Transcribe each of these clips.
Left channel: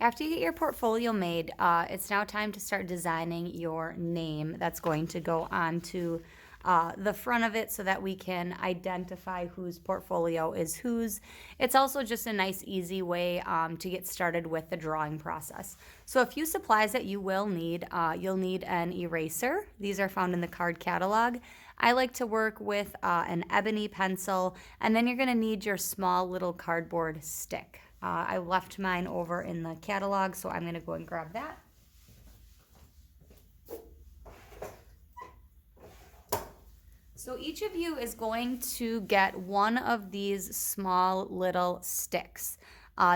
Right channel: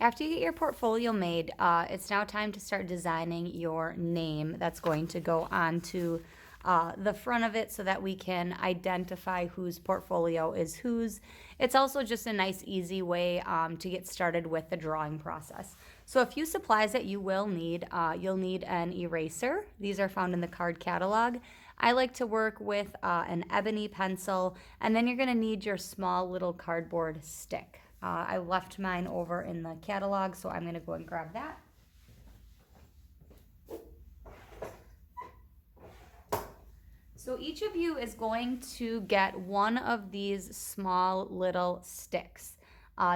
After you get your portfolio made, it's now time to start designing your name that's going to go onto the front of it so that we can identify whose portfolio is whose. It's also just a nice, easy way to get started with the drawing process. So a few supplies that you will need, you'll need an eraser. These are found in the card catalog. I like to work with an ebony pencil, and then you're going to need your small little cardboard stick. I left mine over in the catalog, so I'm going to go and grab that. So each of you is going to get one of these small little sticks.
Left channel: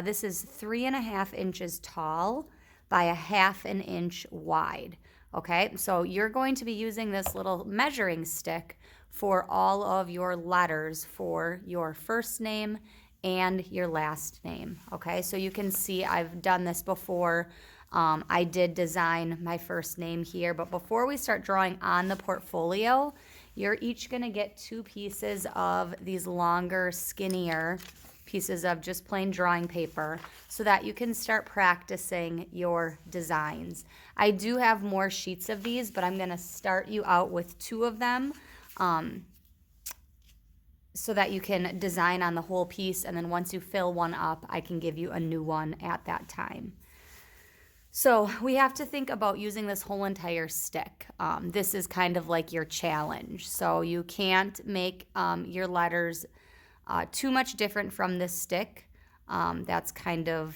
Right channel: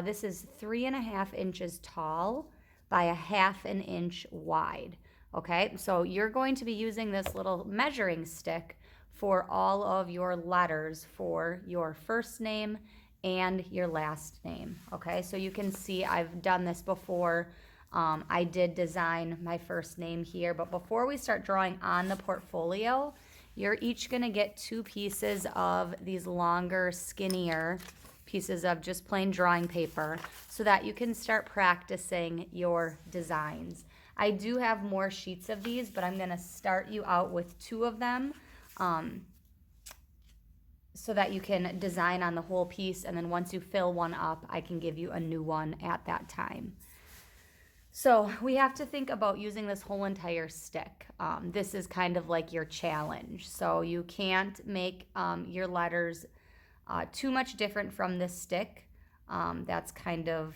This is 3.5 inches tall by a 1/2 inch wide. Okay, so you're going to be using this little measuring stick for all of your letters for your first name and your last name. Okay, so you can see I've done this before. I did design my first name here, but before we start drawing on the portfolio, you're each going to get 2 pieces of these longer, skinnier pieces of just plain drawing paper so that you can start practicing your designs. I do have more sheets of these, but I'm going to start you out with 2 of them so that you can design on the whole piece, and then once you fill one up, I can give you a new one at that time. So we have to think about using this whole entire stick. This is kind of like your challenge. So you can't make your letters too much different from this stick. That's kind of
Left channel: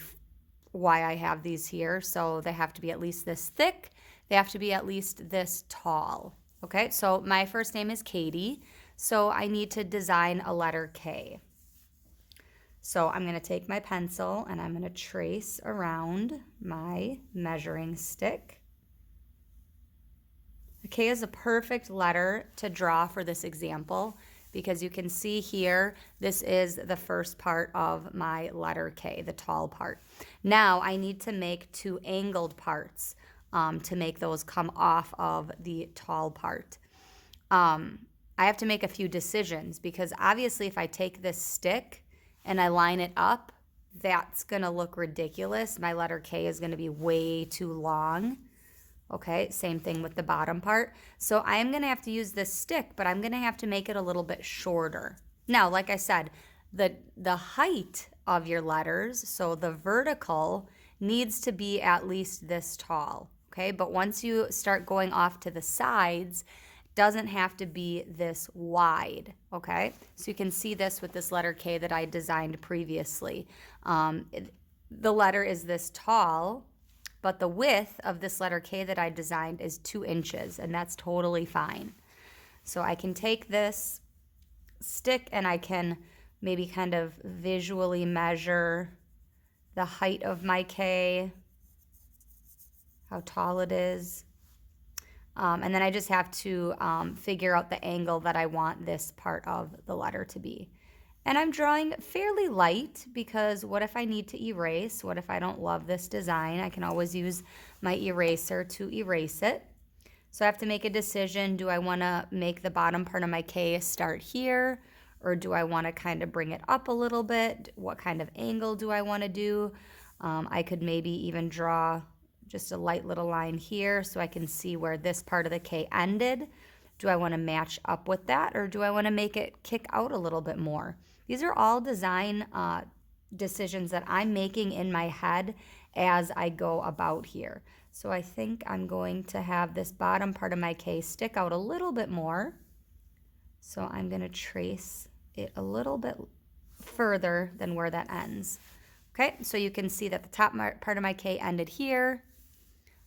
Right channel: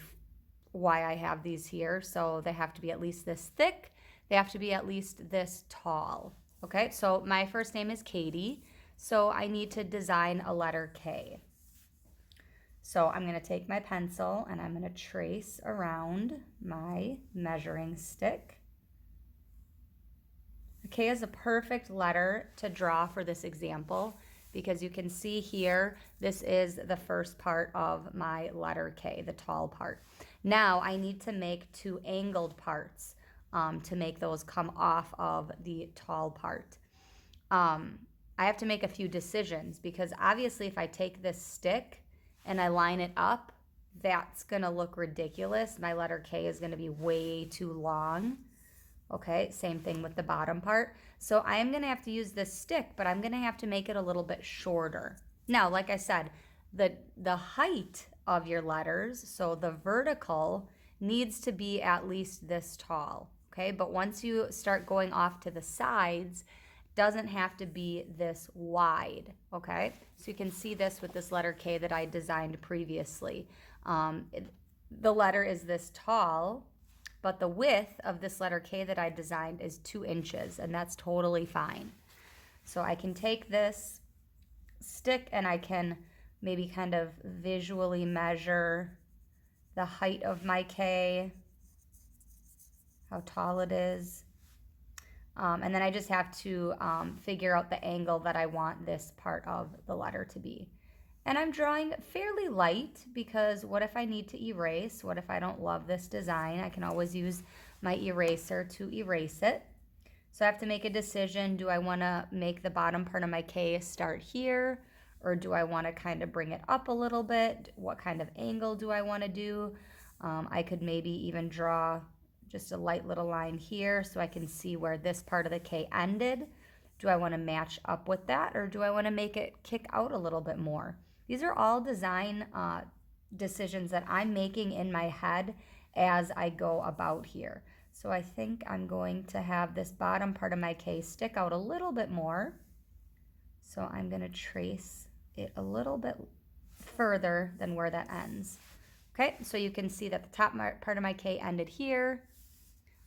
why I have these here. So they have to be at least this thick. They have to be at least this tall. Okay, so my first name is Katie. So I need to design a letter K. So I'm going to take my pencil and I'm going to trace around my measuring stick. A K is a perfect letter to draw for this example because you can see here, this is the first part of my letter K, the tall part. Now I need to make 2 angled parts to make those come off of the tall part. I have to make a few decisions because obviously if I take this stick and I line it up, that's going to look ridiculous. My letter K is going to be way too long. Okay, same thing with the bottom part. So I am going to have to use this stick, but I'm going to have to make it a little bit shorter. Now, like I said, the height of your letters, so the vertical, needs to be at least this tall. Okay, but once you start going off to the sides, doesn't have to be this wide, okay? So you can see this with this letter K that I designed previously. The letter is this tall, but the width of this letter K that I designed is 2 inches, and that's totally fine. So I can take this stick and I can maybe kind of visually measure the height of my K, how tall it is. And then I just have to figure out the angle that I want this part of the letter to be. And I'm drawing fairly light because what if I need to erase? What if I don't love this design? I can always use my eraser to erase it. So I have to make a decision. Do I want to make the bottom part of my K start here? Or do I want to kind of bring it up a little bit? What kind of angle do I want to do? I could maybe even draw just a light little line here so I can see where this part of the K ended. Do I want to match up with that, or do I want to make it kick out a little bit more? These are all design decisions that I'm making in my head as I go about here. So I think I'm going to have this bottom part of my K stick out a little bit more. So I'm going to trace it a little bit further than where that ends. Okay, so you can see that the top part of my K ended here.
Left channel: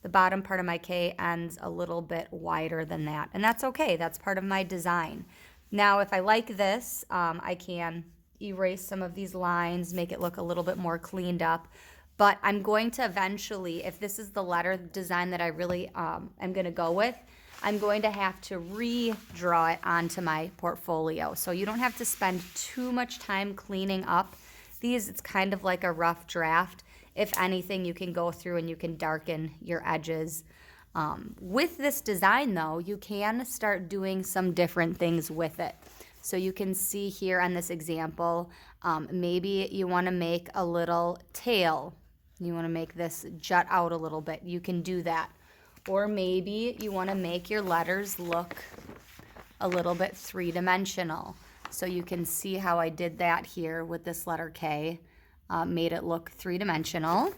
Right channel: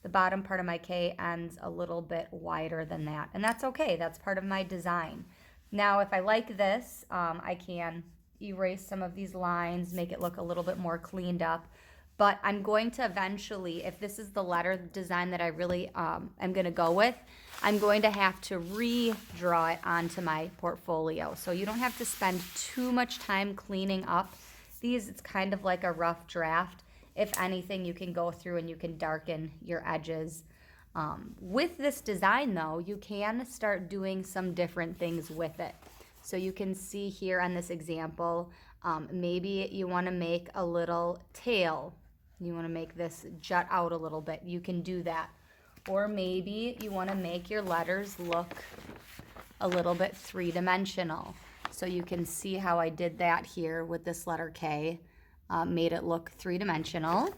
The bottom part of my K ends a little bit wider than that, and that's okay. That's part of my design. Now, if I like this, I can erase some of these lines, make it look a little bit more cleaned up, but I'm going to eventually, if this is the letter design that I really am going to go with, I'm going to have to redraw it onto my portfolio. So you don't have to spend too much time cleaning up these. It's kind of like a rough draft. If anything, you can go through and you can darken your edges. With this design, though, you can start doing some different things with it. So you can see here on this example, maybe you want to make a little tail You want to make this jut out a little bit. You can do that. Or maybe you want to make your letters look a little bit three-dimensional. So you can see how I did that here with this letter K. Made it look three-dimensional.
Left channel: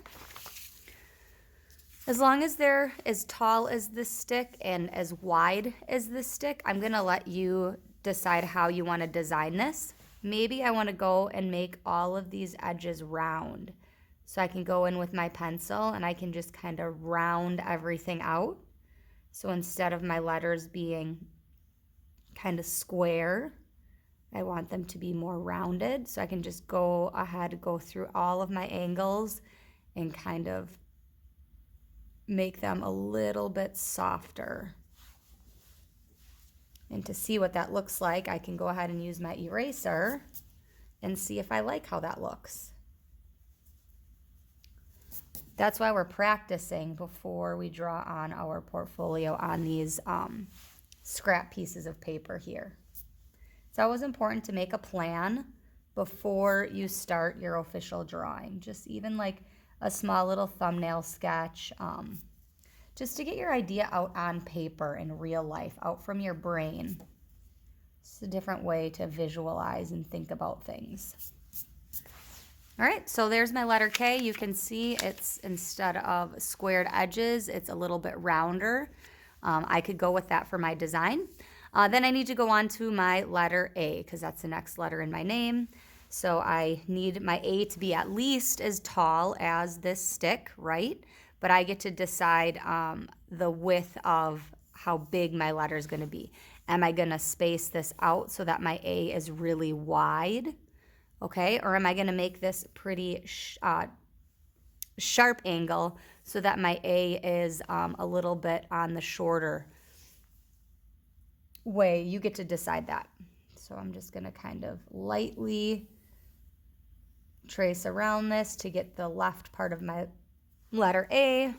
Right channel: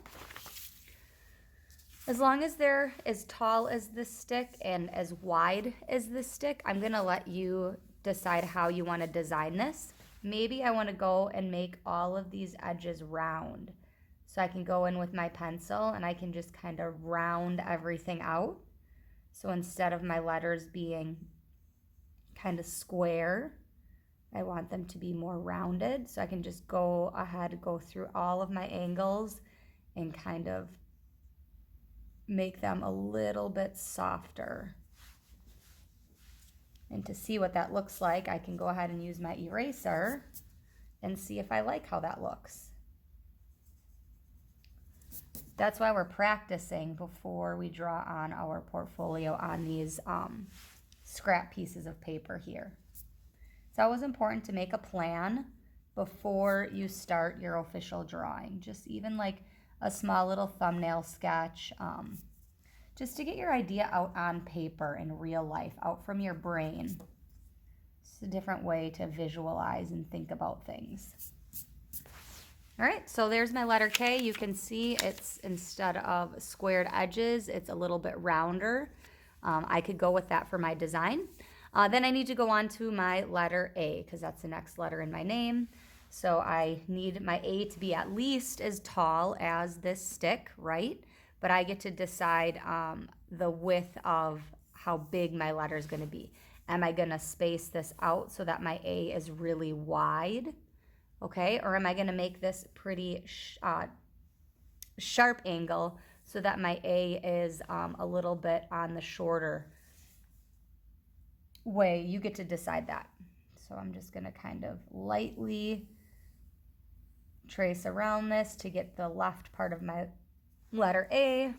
As long as they're as tall as this stick and as wide as this stick, I'm going to let you decide how you want to design this. Maybe I want to go and make all of these edges round. So I can go in with my pencil and I can just kind of round everything out. So instead of my letters being kind of square, I want them to be more rounded. So I can just go ahead, go through all of my angles and kind of make them a little bit softer. And to see what that looks like, I can go ahead and use my eraser and see if I like how that looks. That's why we're practicing before we draw on our portfolio on these scrap pieces of paper here. It's always important to make a plan before you start your official drawing. Just even like a small little thumbnail sketch, just to get your idea out on paper in real life, out from your brain. It's a different way to visualize and think about things. All right, so there's my letter K. You can see it's, instead of squared edges, it's a little bit rounder. I could go with that for my design. Then I need to go on to my letter A because that's the next letter in my name. So I need my A to be at least as tall as this stick, right? But I get to decide the width of how big my letter is going to be. Am I going to space this out so that my A is really wide? Okay, or am I going to make this pretty sharp angle so that my A is a little bit on the shorter way? You get to decide that. So I'm just going to kind of lightly trace around this to get the left part of my letter A.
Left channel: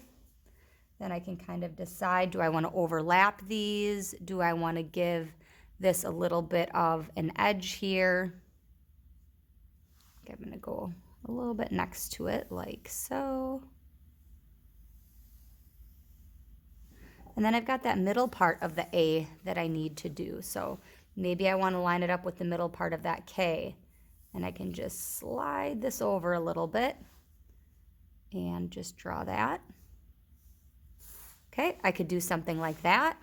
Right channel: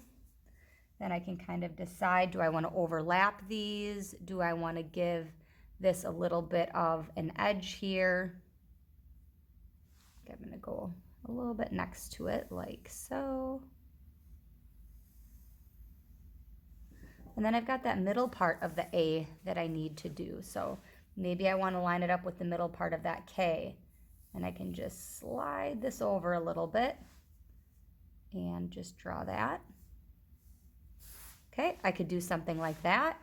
Then I can kind of decide, do I want to overlap these? Do I want to give this a little bit of an edge here? Okay, I'm going to go a little bit next to it like so. And then I've got that middle part of the A that I need to do. So maybe I want to line it up with the middle part of that K. And I can just slide this over a little bit and just draw that. Okay, I could do something like that.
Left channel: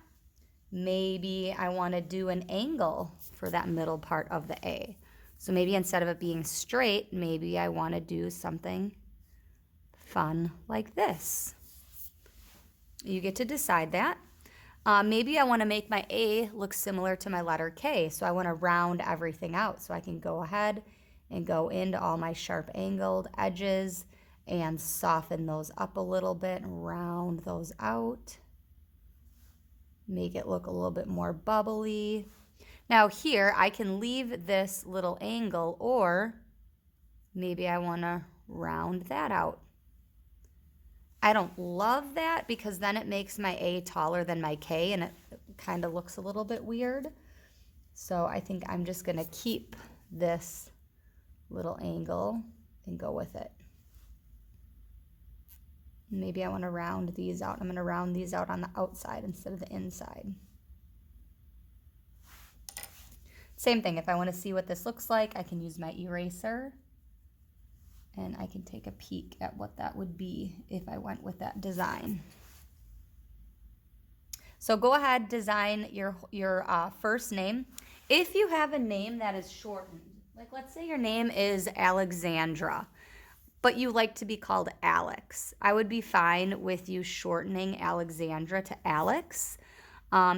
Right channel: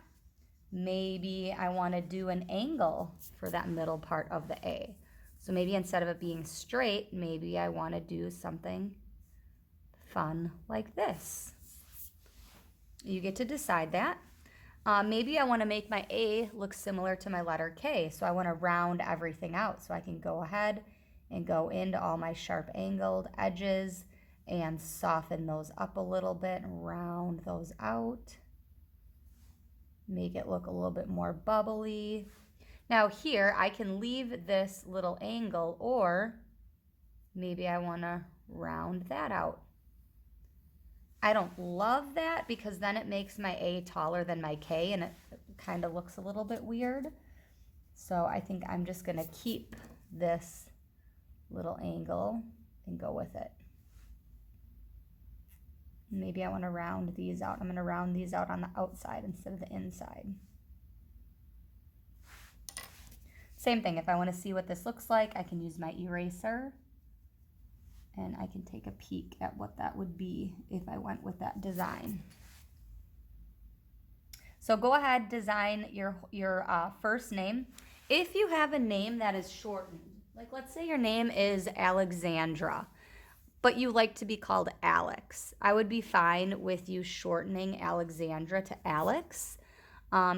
Maybe I want to do an angle for that middle part of the A. So maybe instead of it being straight, maybe I want to do something fun like this. You get to decide that. Maybe I want to make my A look similar to my letter K. So I want to round everything out. So I can go ahead and go into all my sharp angled edges and soften those up a little bit and round those out. Make it look a little bit more bubbly. Now here I can leave this little angle, or maybe I want to round that out. I don't love that because then it makes my A taller than my K and it kind of looks a little bit weird. So I think I'm just going to keep this little angle and go with it. Maybe I want to round these out. I'm going to round these out on the outside instead of the inside. Same thing, if I want to see what this looks like, I can use my eraser and I can take a peek at what that would be if I went with that design. So go ahead, design your first name. If you have a name that is shortened, like let's say your name is Alexandra, but you like to be called Alex, I would be fine with you shortening Alexandra to Alex.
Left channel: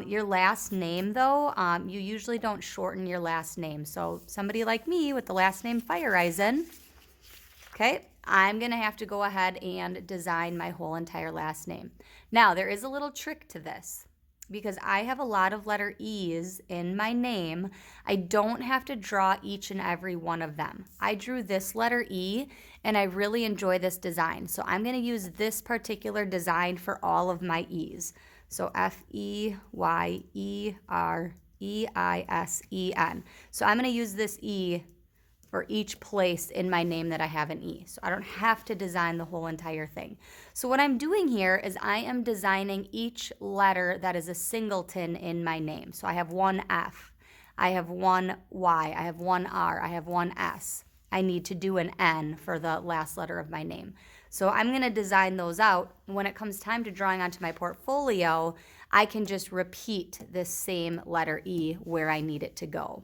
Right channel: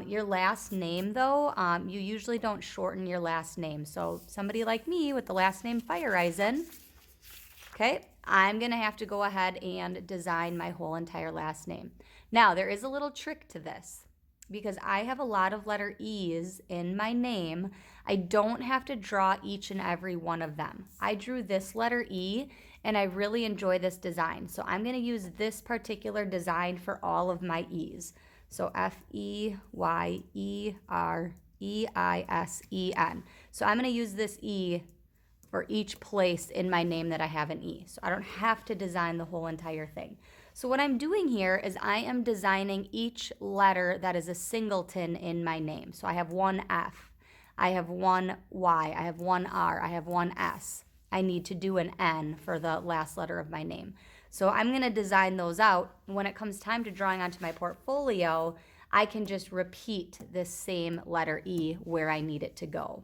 Your last name, though, you usually don't shorten your last name. So somebody like me with the last name Feiereisen, okay, I'm going to have to go ahead and design my whole entire last name. Now, there is a little trick to this. Because I have a lot of letter E's in my name, I don't have to draw each and every one of them. I drew this letter E, and I really enjoy this design. So I'm going to use this particular design for all of my E's. So Feyereisen. So I'm going to use this E for each place in my name that I have an E. So I don't have to design the whole entire thing. So what I'm doing here is I am designing each letter that is a singleton in my name. So I have one F, I have one Y, I have one R, I have one S. I need to do an N for the last letter of my name. So I'm going to design those out. When it comes time to drawing onto my portfolio, I can just repeat this same letter E where I need it to go.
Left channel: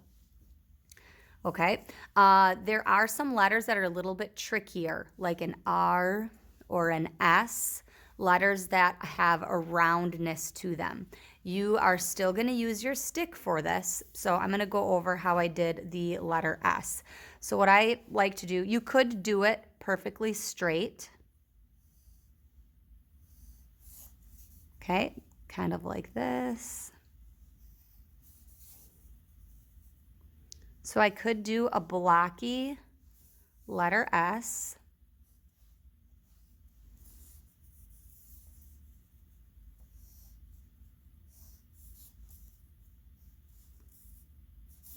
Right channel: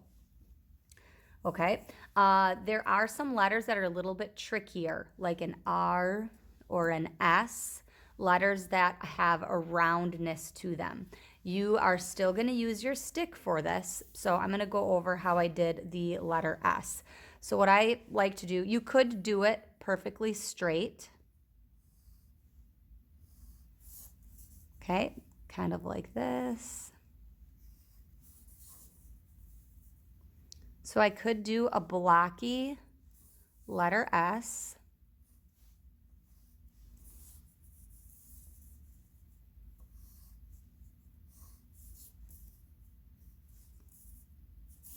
Okay, there are some letters that are a little bit trickier, like an R or an S, letters that have a roundness to them. You are still going to use your stick for this, so I'm going to go over how I did the letter S. So what I like to do, you could do it perfectly straight. Okay, kind of like this. So I could do a blocky letter S.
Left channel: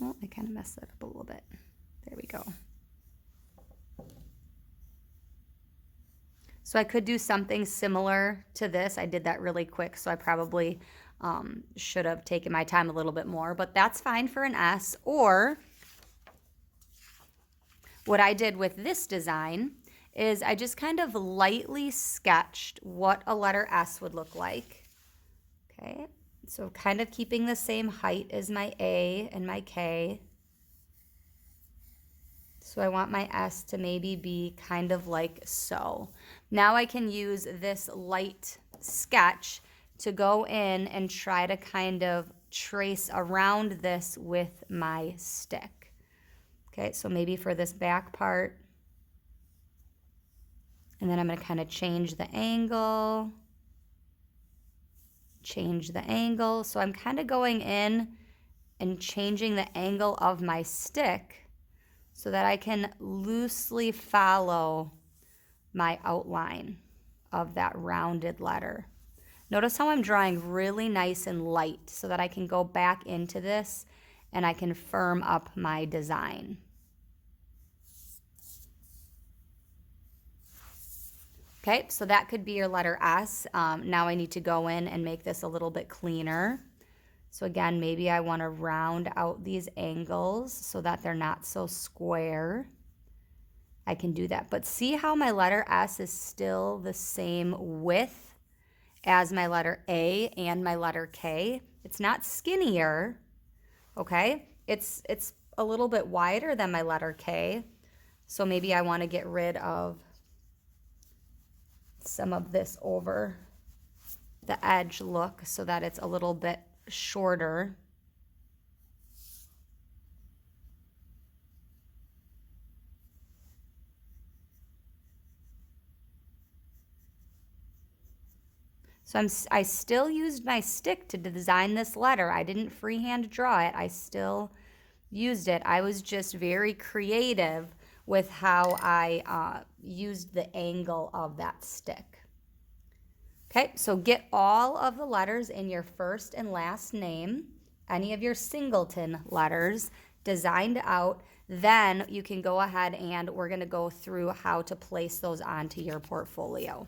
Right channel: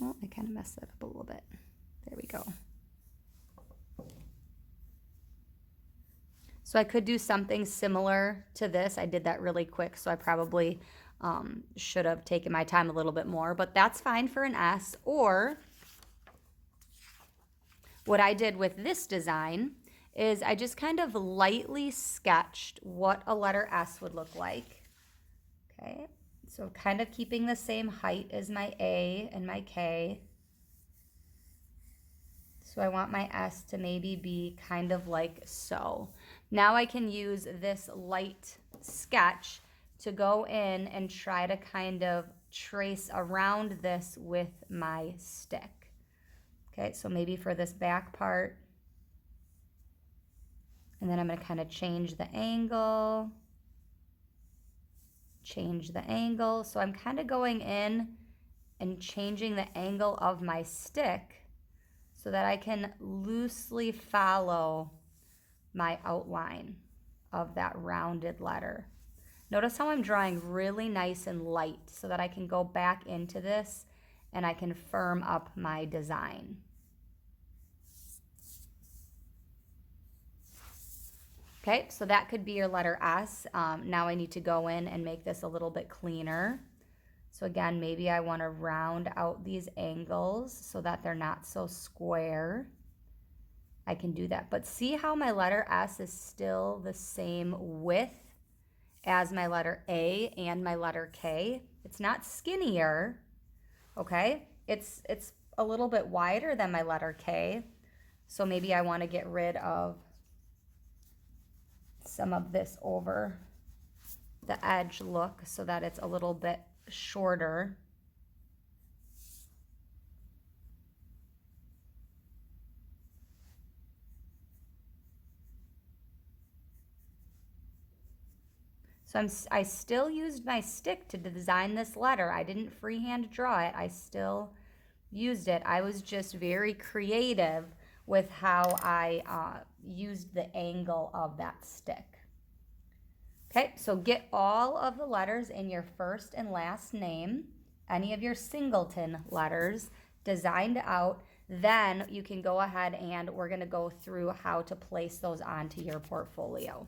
Oh, I kind of messed that up a little bit. There we go. So I could do something similar to this. I did that really quick, so I probably should have taken my time a little bit more, but that's fine for an S. Or what I did with this design is I just kind of lightly sketched what a letter S would look like. Okay, so kind of keeping the same height as my A and my K. So I want my S to maybe be kind of like so. Now I can use this light sketch to go in and try to kind of trace around this with my stick. Okay, so maybe for this back part, and then I'm going to kind of change the angle. So I'm kind of going in and changing the angle of my stick so that I can loosely follow my outline of that rounded letter. Notice how I'm drawing really nice and light so that I can go back into this and I can firm up my design. Okay, so that could be your letter S. Now I need to go in and make this a little bit cleaner. So again, maybe I want to round out these angles so that they're not so square. I can do that. But see how my letter S is still the same width as my letter A and my letter K? It's not skinnier, okay? It's a little bit wider than my letter K. So maybe I want to get rid of some of this over the edge look so that it's a little bit shorter. So I still used my stick to design this letter. I didn't freehand draw it. I still used it. I was just very creative with how I used the angle of that stick. Okay, so get all of the letters in your first and last name, any of your singleton letters designed out. Then you can go ahead and we're going to go through how to place those onto your portfolio.